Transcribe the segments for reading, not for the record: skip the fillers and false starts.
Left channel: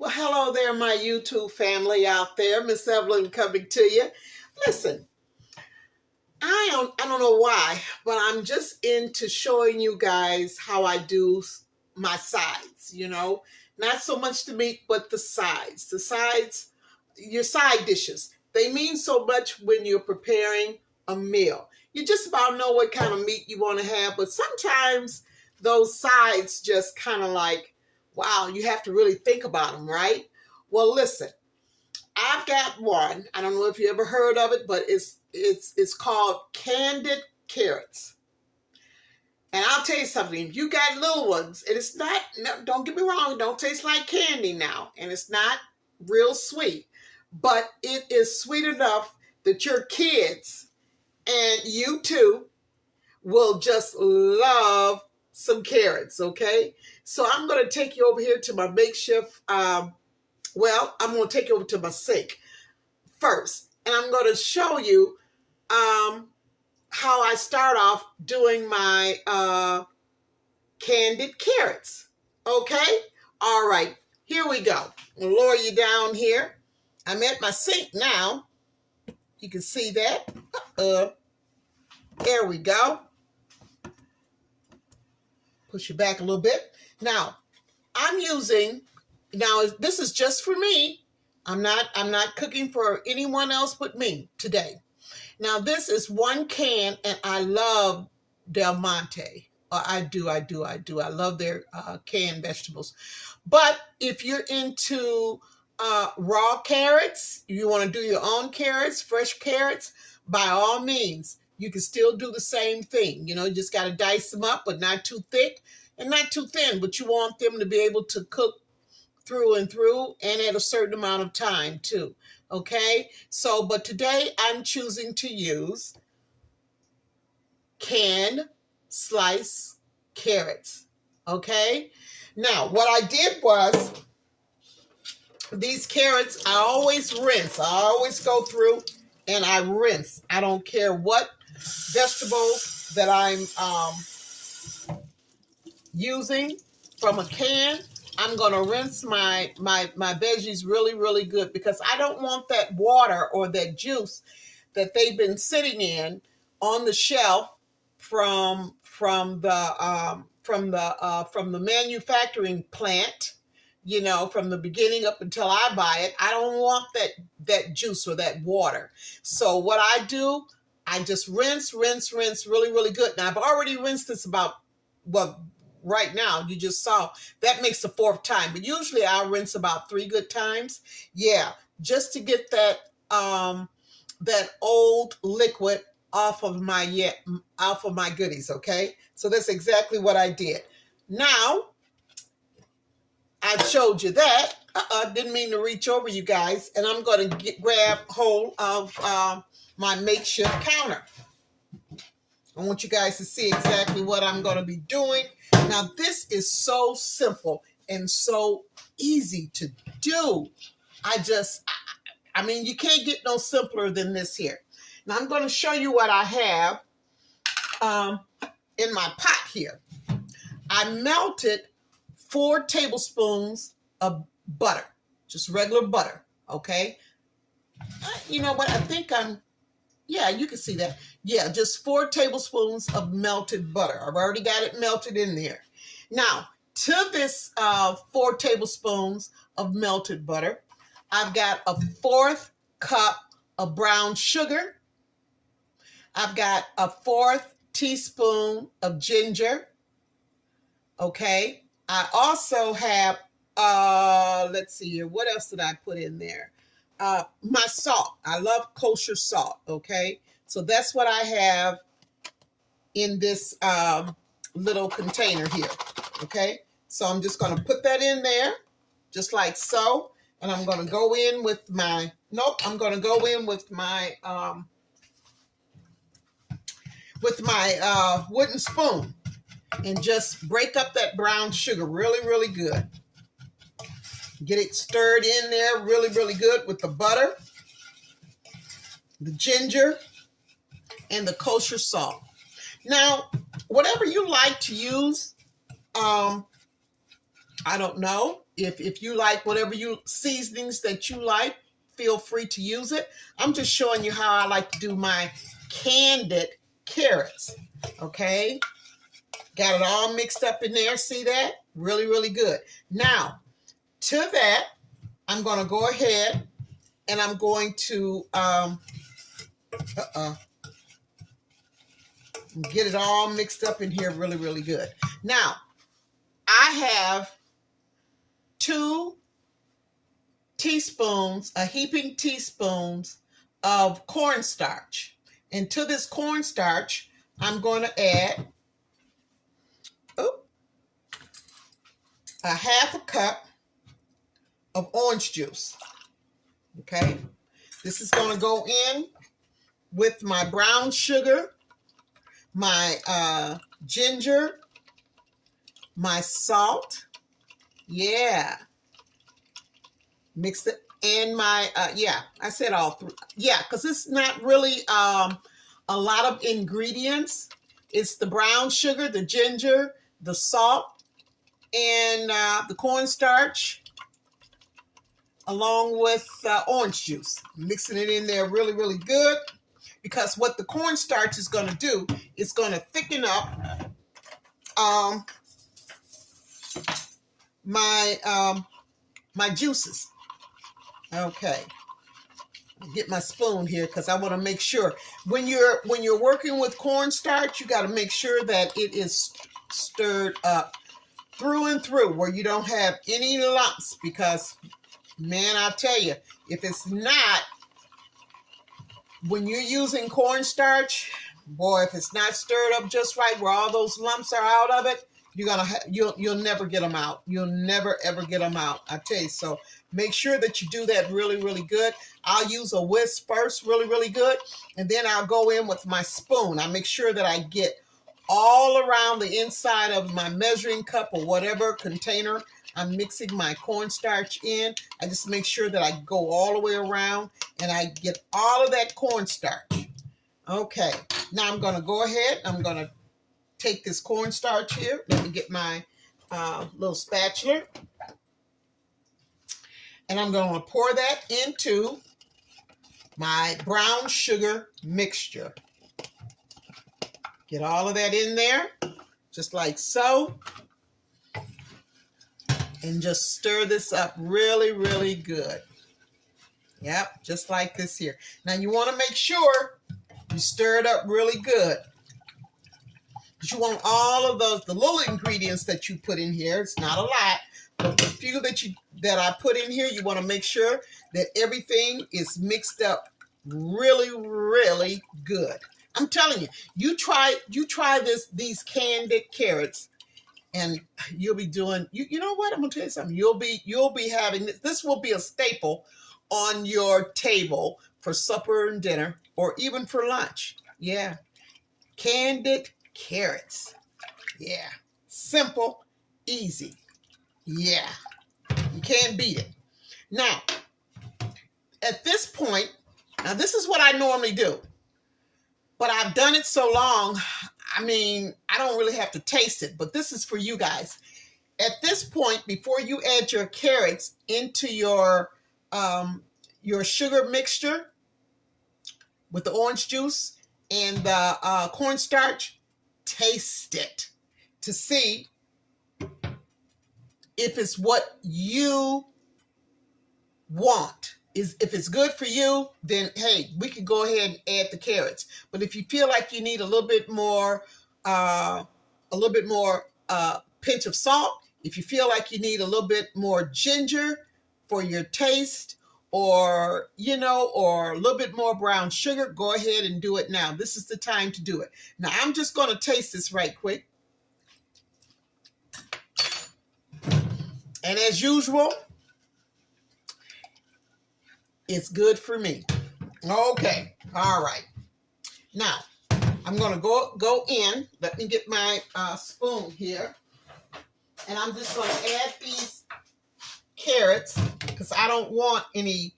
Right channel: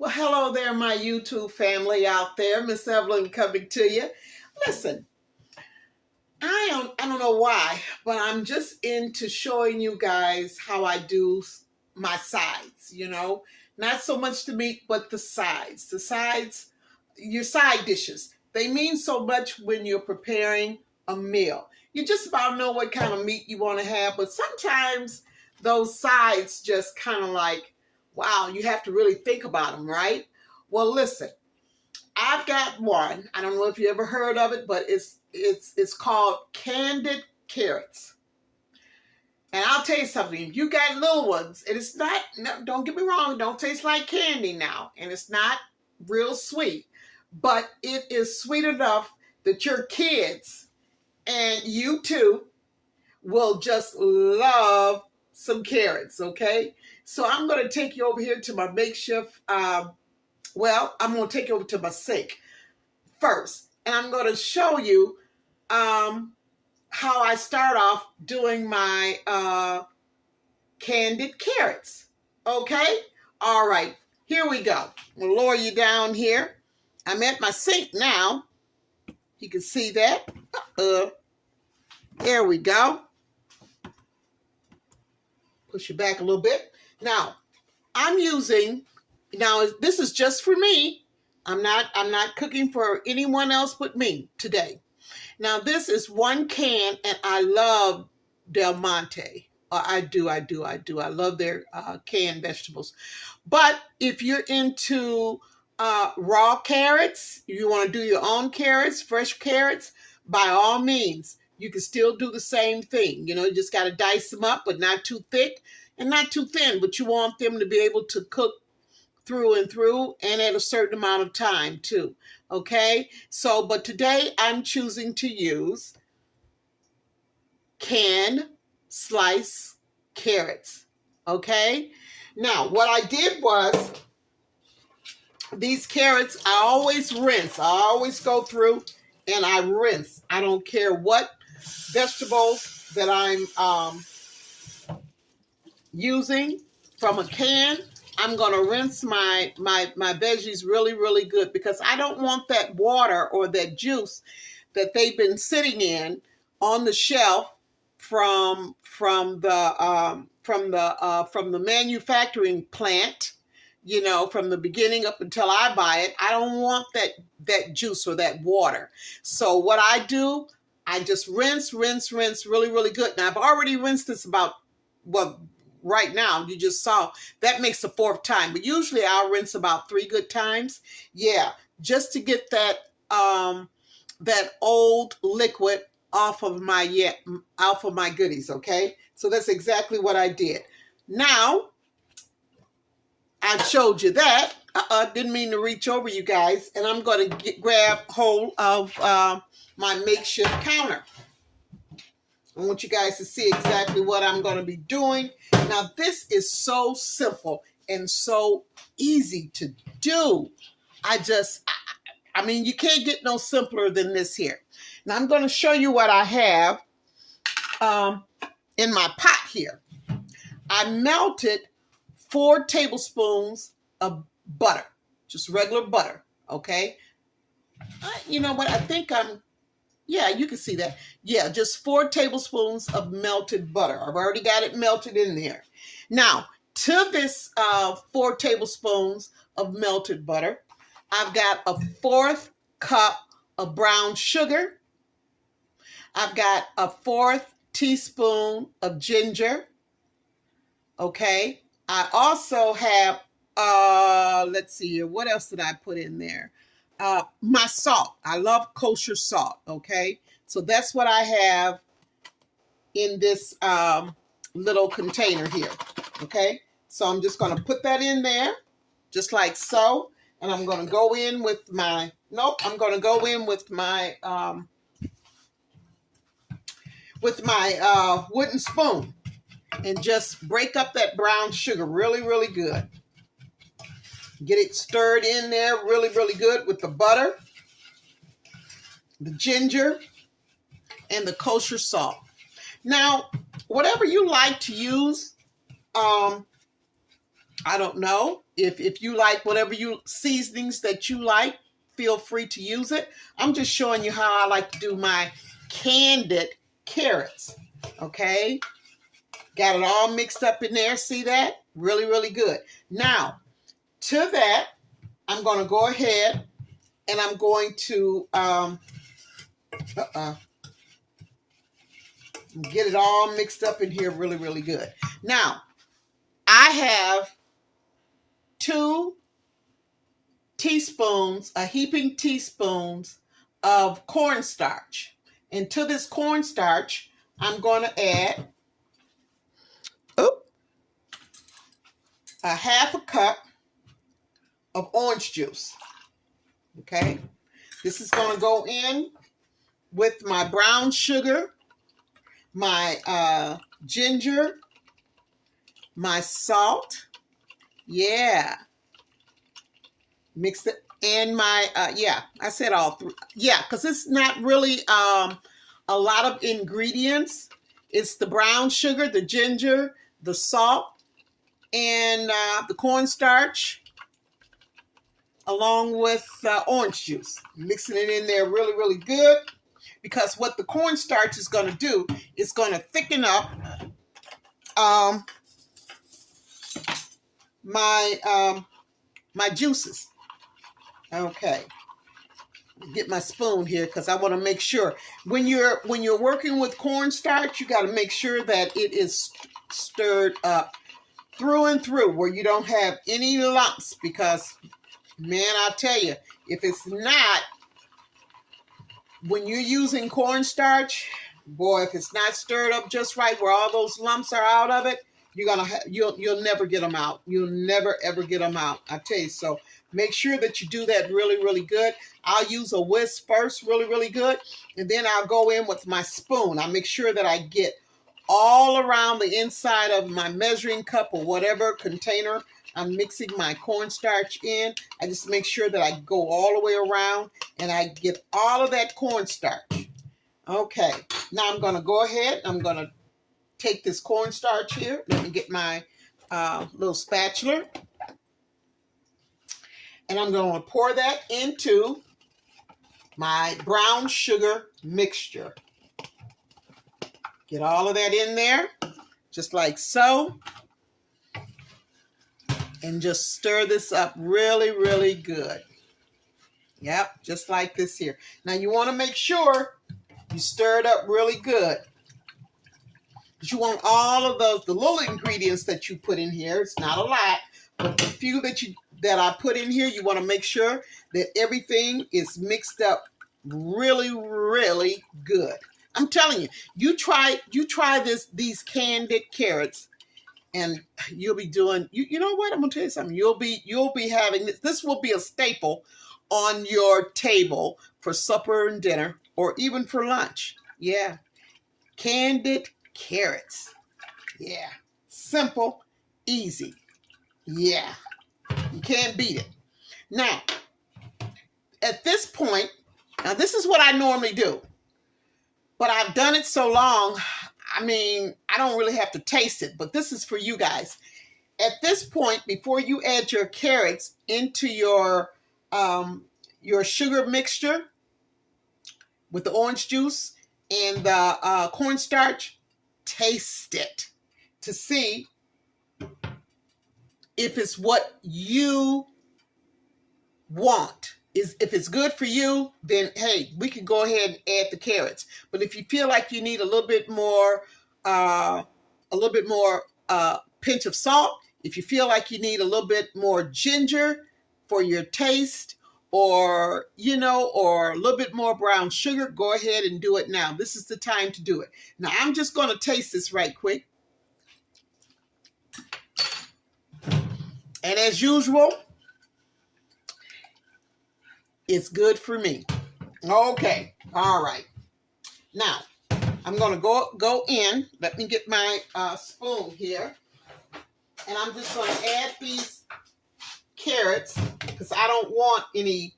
Well, hello there, my YouTube family out there. Miss Evelyn coming to you. Listen, I don't know why, but I'm just into showing you guys how I do my sides, Not so much the meat, but the sides. The sides, your side dishes. They mean so much when you're preparing a meal. You just about know what kind of meat you want to have, but sometimes those sides just kind of like, wow, you have to really think about them, right? Well, listen, I've got one. I don't know if you ever heard of it, but it's called Candied Carrots. And I'll tell you something, if you got little ones, and it's not, no, don't get me wrong, it don't taste like candy now, and it's not real sweet, but it is sweet enough that your kids and you too will just love some carrots, okay? So I'm going to take you over here to my makeshift, I'm going to take you over to my sink first, and I'm going to show you how I start off doing my candied carrots, okay? All right, here we go. We'll lower you down here. I'm at my sink now. You can see that. There we go. Push it back a little bit. Now, this is just for me. I'm not cooking for anyone else but me today. Now, this is 1 can, and I love Del Monte. I do. I love their canned vegetables. But if you're into raw carrots, you want to do your own carrots, fresh carrots, by all means, you can still do the same thing. You just got to dice them up, but not too thick and not too thin. But you want them to be able to cook through and through and at a certain amount of time too. Okay, so but today I'm choosing to use canned sliced carrots. Okay, now what I did was these carrots I always rinse. I always go through and I rinse. I don't care what vegetables that I'm using from a can. I'm going to rinse my veggies really, really good because I don't want that water or that juice that they've been sitting in on the shelf from the manufacturing plant, from the beginning up until I buy it. I don't want that juice or that water. So what I do, I just rinse really, really good. Now I've already rinsed this right now, you just saw, that makes the 4th time. But usually I'll rinse about 3 good times. Yeah, just to get that old liquid off of my goodies, okay? So that's exactly what I did. Now, I showed you that. Didn't mean to reach over you guys. And I'm going to grab hold of my makeshift counter. I want you guys to see exactly what I'm going to be doing. Now, this is so simple and so easy to do. I mean, you can't get no simpler than this here. Now, I'm going to show you what I have in my pot here. I melted 4 tablespoons of butter, just regular butter, okay? You know what? I think yeah, you can see that. Yeah, just 4 tablespoons of melted butter. I've already got it melted in there. Now, to this 4 tablespoons of melted butter, I've got a 1/4 cup of brown sugar. I've got a 1/4 teaspoon of ginger. Okay. I also have, let's see here. What else did I put in there? My salt. I love kosher salt, okay? So that's what I have in this little container here, okay? So I'm just going to put that in there, just like so. And I'm going to go in with my, I'm going to go in with my wooden spoon and just break up that brown sugar really, really good. Get it stirred in there really, really good with the butter, the ginger, and the kosher salt. Now, whatever you like to use, I don't know. if you like whatever you seasonings that you like, feel free to use it. I'm just showing you how I like to do my candied carrots. Okay, got it all mixed up in there. See that? Really, really good. Now, to that, I'm going to go ahead and I'm going to get it all mixed up in here really, really good. Now, I have 2 teaspoons, a heaping teaspoons of cornstarch. And to this cornstarch, I'm going to add a half a cup of orange juice. Okay, this is going to go in with my brown sugar, my ginger, my salt. Yeah, mix it, and my yeah, I said all 3. Yeah, because it's not really a lot of ingredients. It's the brown sugar, the ginger, the salt, and the cornstarch, along with orange juice. Mixing it in there really, really good, because what the cornstarch is going to do is going to thicken up my juices. Okay, get my spoon here because I want to make sure when you're working with cornstarch, you got to make sure that it is stirred up through and through, where you don't have any lumps, because man, I'll tell you, if it's not, when you're using cornstarch, boy, if it's not stirred up just right, where all those lumps are out of it, you'll never get them out. You'll never ever get them out. I tell you. So make sure that you do that really, really good. I'll use a whisk first, really, really good, and then I'll go in with my spoon. I make sure that I get all around the inside of my measuring cup or whatever container I'm mixing my cornstarch in. I just make sure that I go all the way around and I get all of that cornstarch. Okay, now I'm going to go ahead. I'm going to take this cornstarch here. Let me get my little spatula. And I'm going to pour that into my brown sugar mixture. Get all of that in there, just like so. And just stir this up really, really good. Yep, just like this here. Now you want to make sure you stir it up really good. But you want all of those, the little ingredients that you put in here. It's not a lot, but the few that I put in here, you want to make sure that everything is mixed up really, really good. I'm telling you, you try these candied carrots, and you'll be doing, you know what, I'm gonna tell you something. You'll be having this will be a staple on your table for supper and dinner, or even for lunch. Yeah, candied carrots. Yeah, simple, easy. Yeah, you can't beat it. Now, at this point, now this is what I normally do, but I've done it so long, I mean, I don't really have to taste it, but this is for you guys. At this point, before you add your carrots into your sugar mixture with the orange juice and the cornstarch, taste it to see if it's what you want. If it's good for you, then hey, we can go ahead and add the carrots. But if you feel like you need a little bit more pinch of salt, if you feel like you need a little bit more ginger for your taste, or or a little bit more brown sugar, go ahead and do it now. This is the time to do it. Now I'm just going to taste this right quick. And as usual, it's good for me. Okay. All right. Now, I'm going to go in. Let me get my spoon here. And I'm just going to add these carrots because I don't want any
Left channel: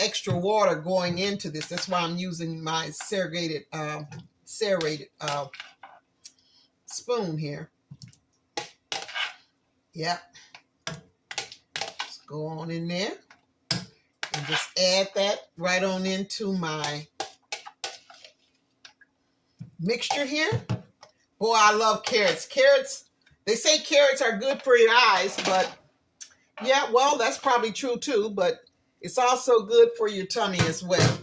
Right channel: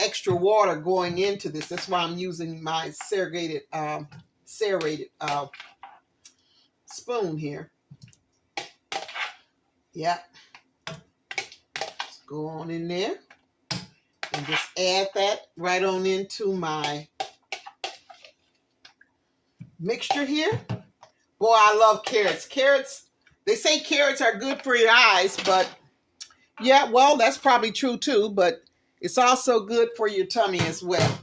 extra water going into this. That's why I'm using my serrated spoon here. Yep. Go on in there and just add that right on into my mixture here. Boy, I love carrots. Carrots, they say carrots are good for your eyes, but yeah, well, that's probably true too, but it's also good for your tummy as well.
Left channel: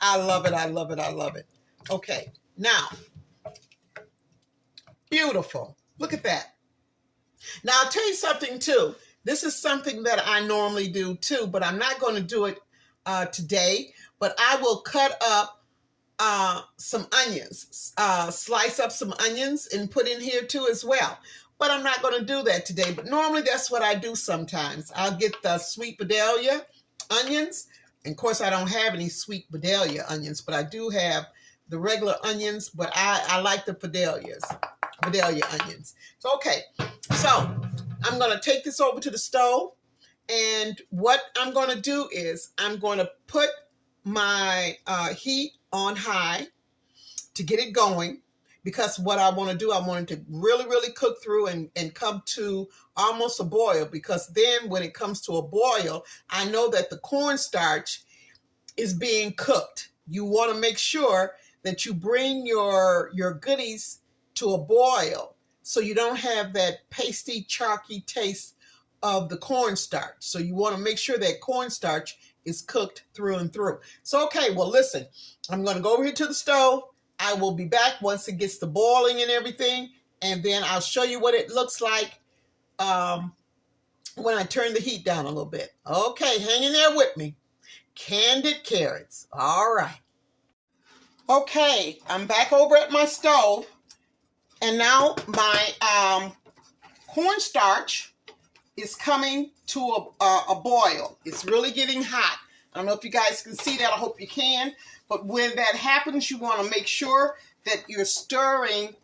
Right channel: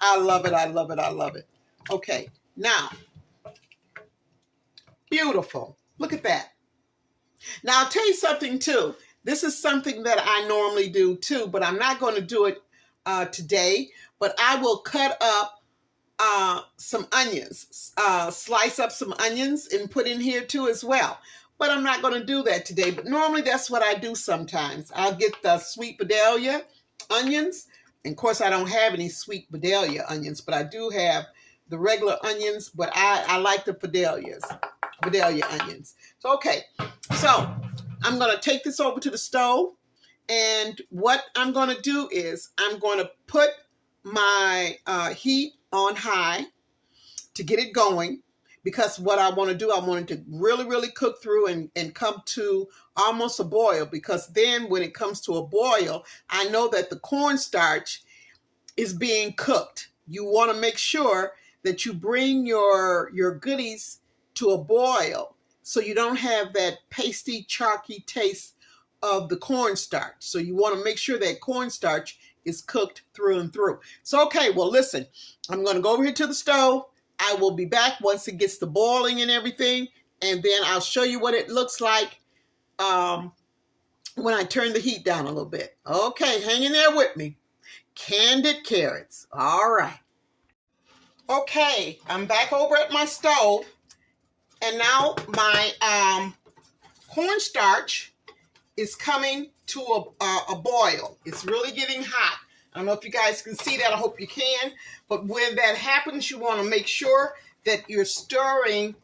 I love it. I love it. I love it. Okay, now, beautiful. Look at that. Now, I'll tell you something too. This is something that I normally do too, but I'm not going to do it today, but I will cut up some onions, slice up some onions and put in here too as well. But I'm not going to do that today. But normally that's what I do sometimes. I'll get the sweet Vidalia onions. And of course, I don't have any sweet Vidalia onions, but I do have the regular onions. But I like the Vidalia onions. So, okay. So I'm going to take this over to the stove. And what I'm going to do is I'm going to put my heat on high to get it going, because what I want to do, I want it to really, really cook through and come to almost a boil, because then when it comes to a boil, I know that the cornstarch is being cooked. You want to make sure that you bring your goodies to a boil so you don't have that pasty, chalky taste of the cornstarch. So you want to make sure that cornstarch is cooked through and through. So, okay, well, listen, I'm going to go over here to the stove. I will be back once it gets to boiling and everything, and then I'll show you what it looks like when I turn the heat down a little bit. Okay, hang in there with me. Candied carrots. All right. Okay, I'm back over at my stove, and now my cornstarch is coming to a boil. It's really getting hot. I don't know if you guys can see that. I hope you can. But when that happens, you want to make sure that you're stirring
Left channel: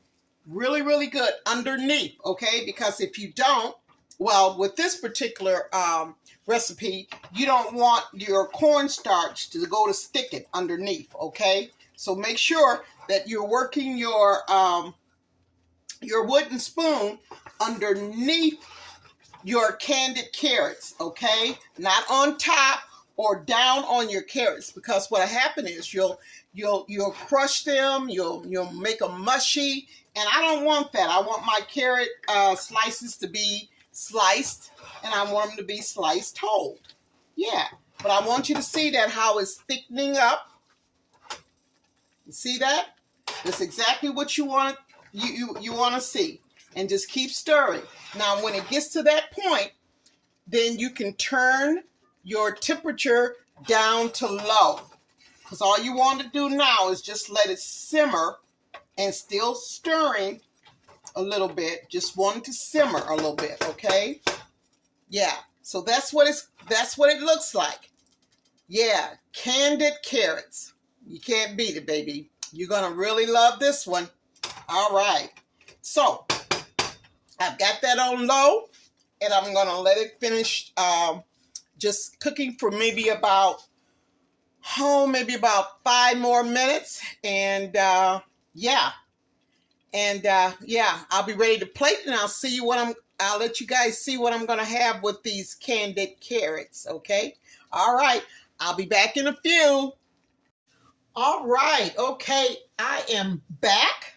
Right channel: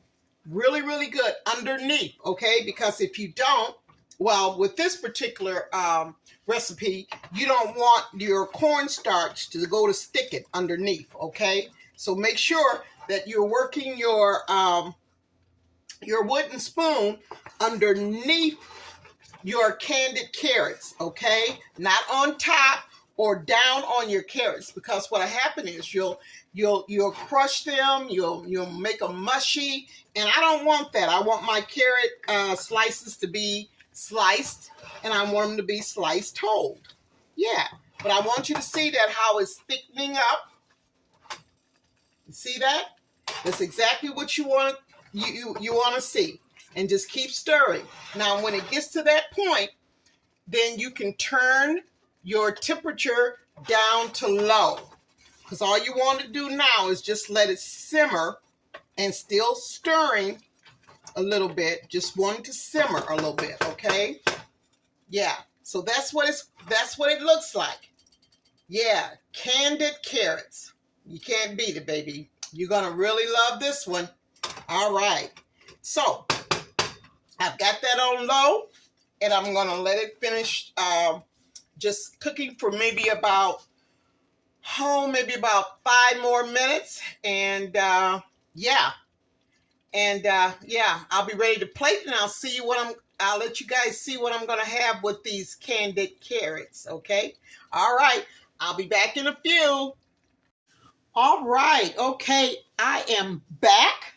really, really good underneath, okay? Because if you don't, well, with this particular recipe, you don't want your cornstarch to go to stick it underneath, okay? So make sure that you're working your wooden spoon underneath your candied carrots, okay? Not on top or down on your carrots, because what'll happen is you'll crush them, you'll make them mushy, and I don't want that. I want my carrot slices to be sliced, and I want them to be sliced whole. Yeah, but I want you to see that how it's thickening up. You see that? That's exactly what you want to see. And just keep stirring. Now, when it gets to that point, then you can turn your temperature down to low. Because all you want to do now is just let it simmer and still stirring a little bit. Just want it to simmer a little bit, okay? Yeah. So that's what it looks like. Yeah, candied carrots. You can't beat it, baby. You're going to really love this one. All right. So I've got that on low, and I'm going to let it finish just cooking for maybe about 5 more minutes. And yeah, I'll be ready to plate, and I'll let you guys see what I'm going to have with these candied carrots, okay? All right, I'll be back in a few. All right, okay, I am back.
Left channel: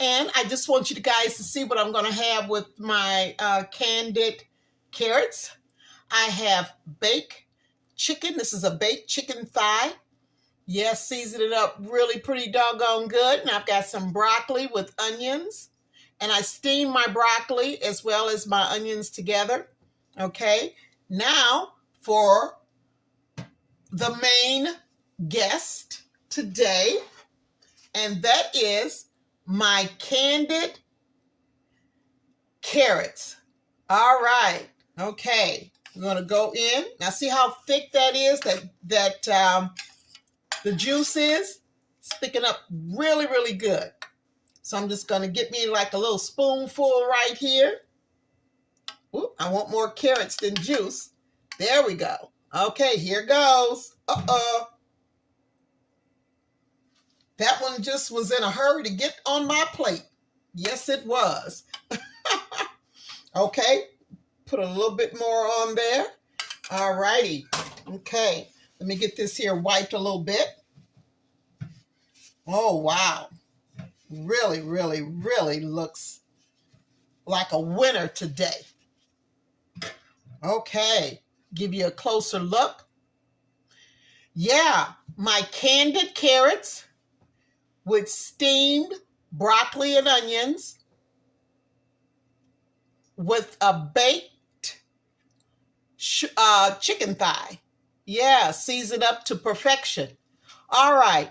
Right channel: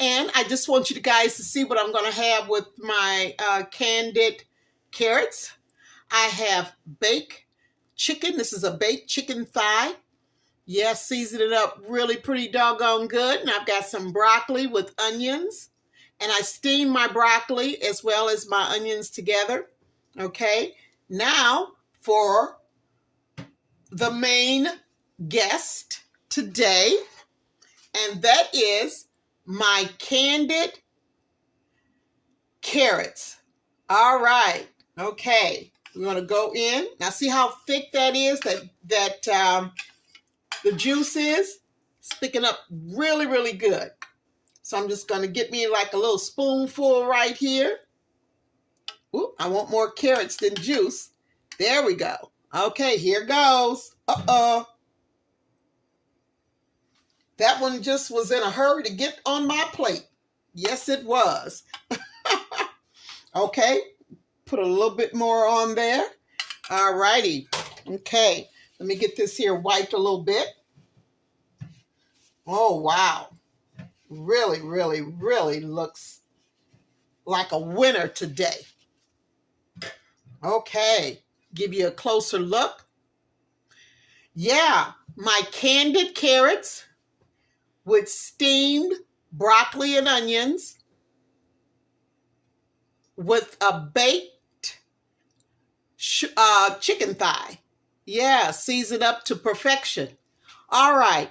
And I just want you guys to see what I'm going to have with my candied carrots. I have baked chicken. This is a baked chicken thigh. Yes, season it up really pretty doggone good. And I've got some broccoli with onions. And I steam my broccoli as well as my onions together. Okay, now for the main guest today. And that is my candied carrots. All right. Okay. We're going to go in. Now see how thick that is, that the juice is? It's thicking up really, really good. So I'm just going to get me like a little spoonful right here. Ooh, I want more carrots than juice. There we go. Okay, here goes. Uh-oh. That one just was in a hurry to get on my plate. Yes, it was. Okay, put a little bit more on there. All righty. Okay. Let me get this here wiped a little bit. Oh, wow. Really, really, really looks like a winner today. Okay. Give you a closer look. Yeah, my candied carrots with steamed broccoli and onions with a baked chicken thigh. Yeah, seasoned up to perfection. All right.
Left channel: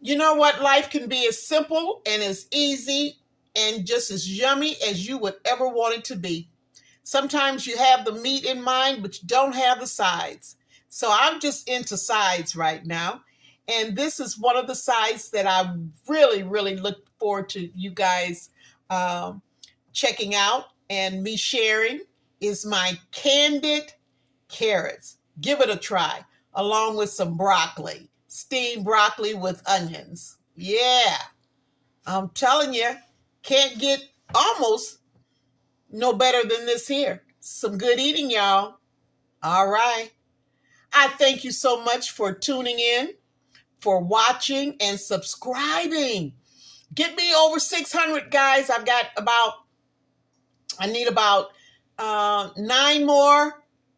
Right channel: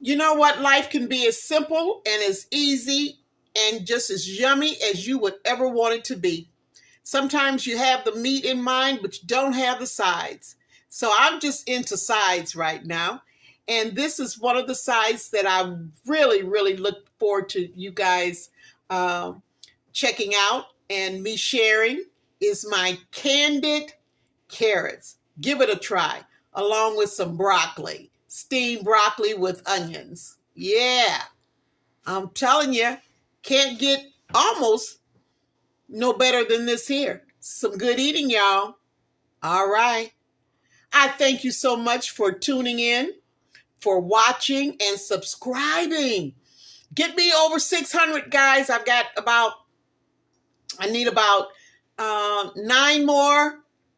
You know what? Life can be as simple and as easy and just as yummy as you would ever want it to be. Sometimes you have the meat in mind, but you don't have the sides. So I'm just into sides right now. And this is one of the sides that I really, really look forward to you guys checking out and me sharing is my candied carrots. Give it a try, along with some broccoli, steamed broccoli with onions. Yeah, I'm telling you, can't get almost no better than this here. Some good eating, y'all. All right. I thank you so much for tuning in, for watching and subscribing. Get me over 600, guys. I need about 9 more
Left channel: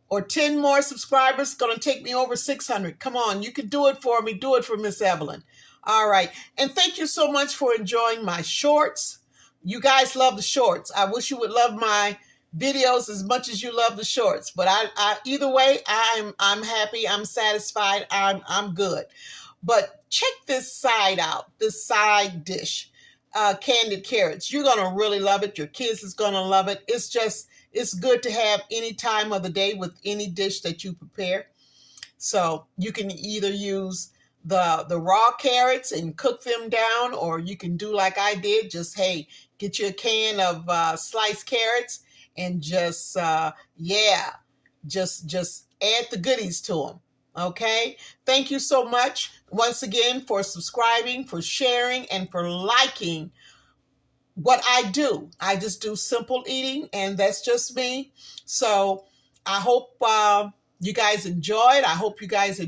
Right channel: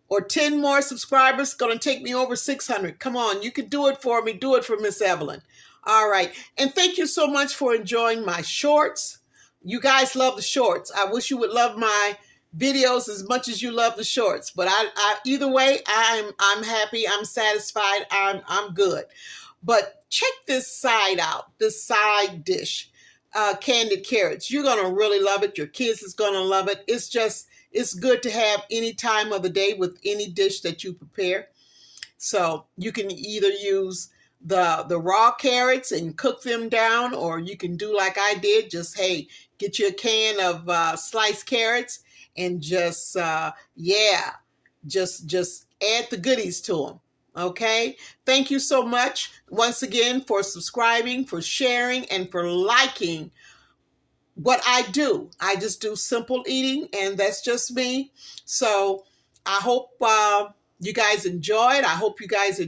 or 10 more subscribers. It's going to take me over 600. Come on, you can do it for me. Do it for Miss Evelyn. All right. And thank you so much for enjoying my shorts. You guys love the shorts. I wish you would love my videos as much as you love the shorts. But either way, I'm happy. I'm satisfied. I'm good. But check this side out, this side dish, candied carrots. You're going to really love it. Your kids is going to love it. It's good to have any time of the day with any dish that you prepare. So you can either use the raw carrots and cook them down, or you can do like I did. Just, hey, get you a can of sliced carrots and just add the goodies to them. Okay. Thank you so much once again for subscribing, for sharing, and for liking what I do. I just do simple eating, and that's just me. So I hope you guys enjoyed. I hope you guys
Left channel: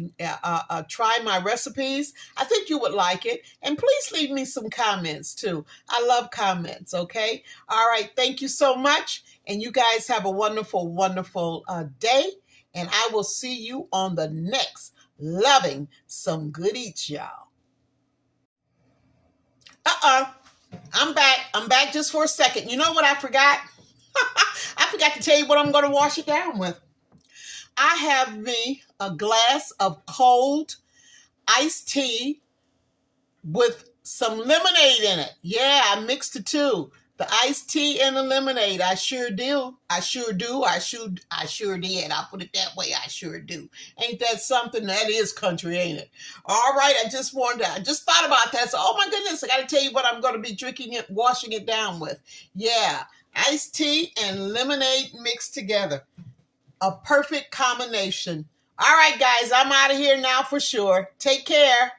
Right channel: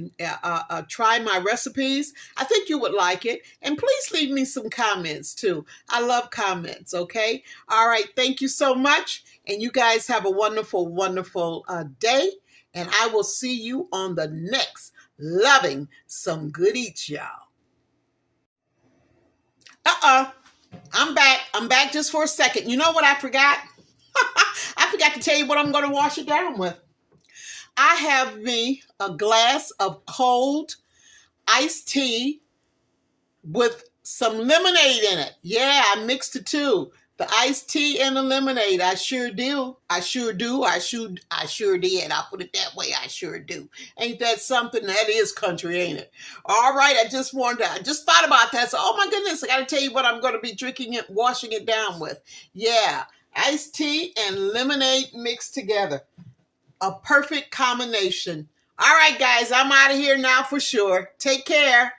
try my recipes. I think you would like it. And please leave me some comments too. I love comments, okay? All right, thank you so much. And you guys have a wonderful, wonderful day. And I will see you on the next Loving Some Good Eats, y'all. I'm back. I'm back just for a second. You know what I forgot? I forgot to tell you what I'm going to wash it down with. I have me a glass of cold iced tea with some lemonade in it. Yeah, I mixed the two. The iced tea and the lemonade. I sure do. I sure do. I sure did. I'll put it that way. I sure do. Ain't that something? That is country, ain't it? All right. I just thought about that. So, oh my goodness, I got to tell you what I'm going to be drinking it, washing it down with. Yeah. Iced tea and lemonade mixed together. A perfect combination. All right, guys, I'm out of here now for sure. Take care.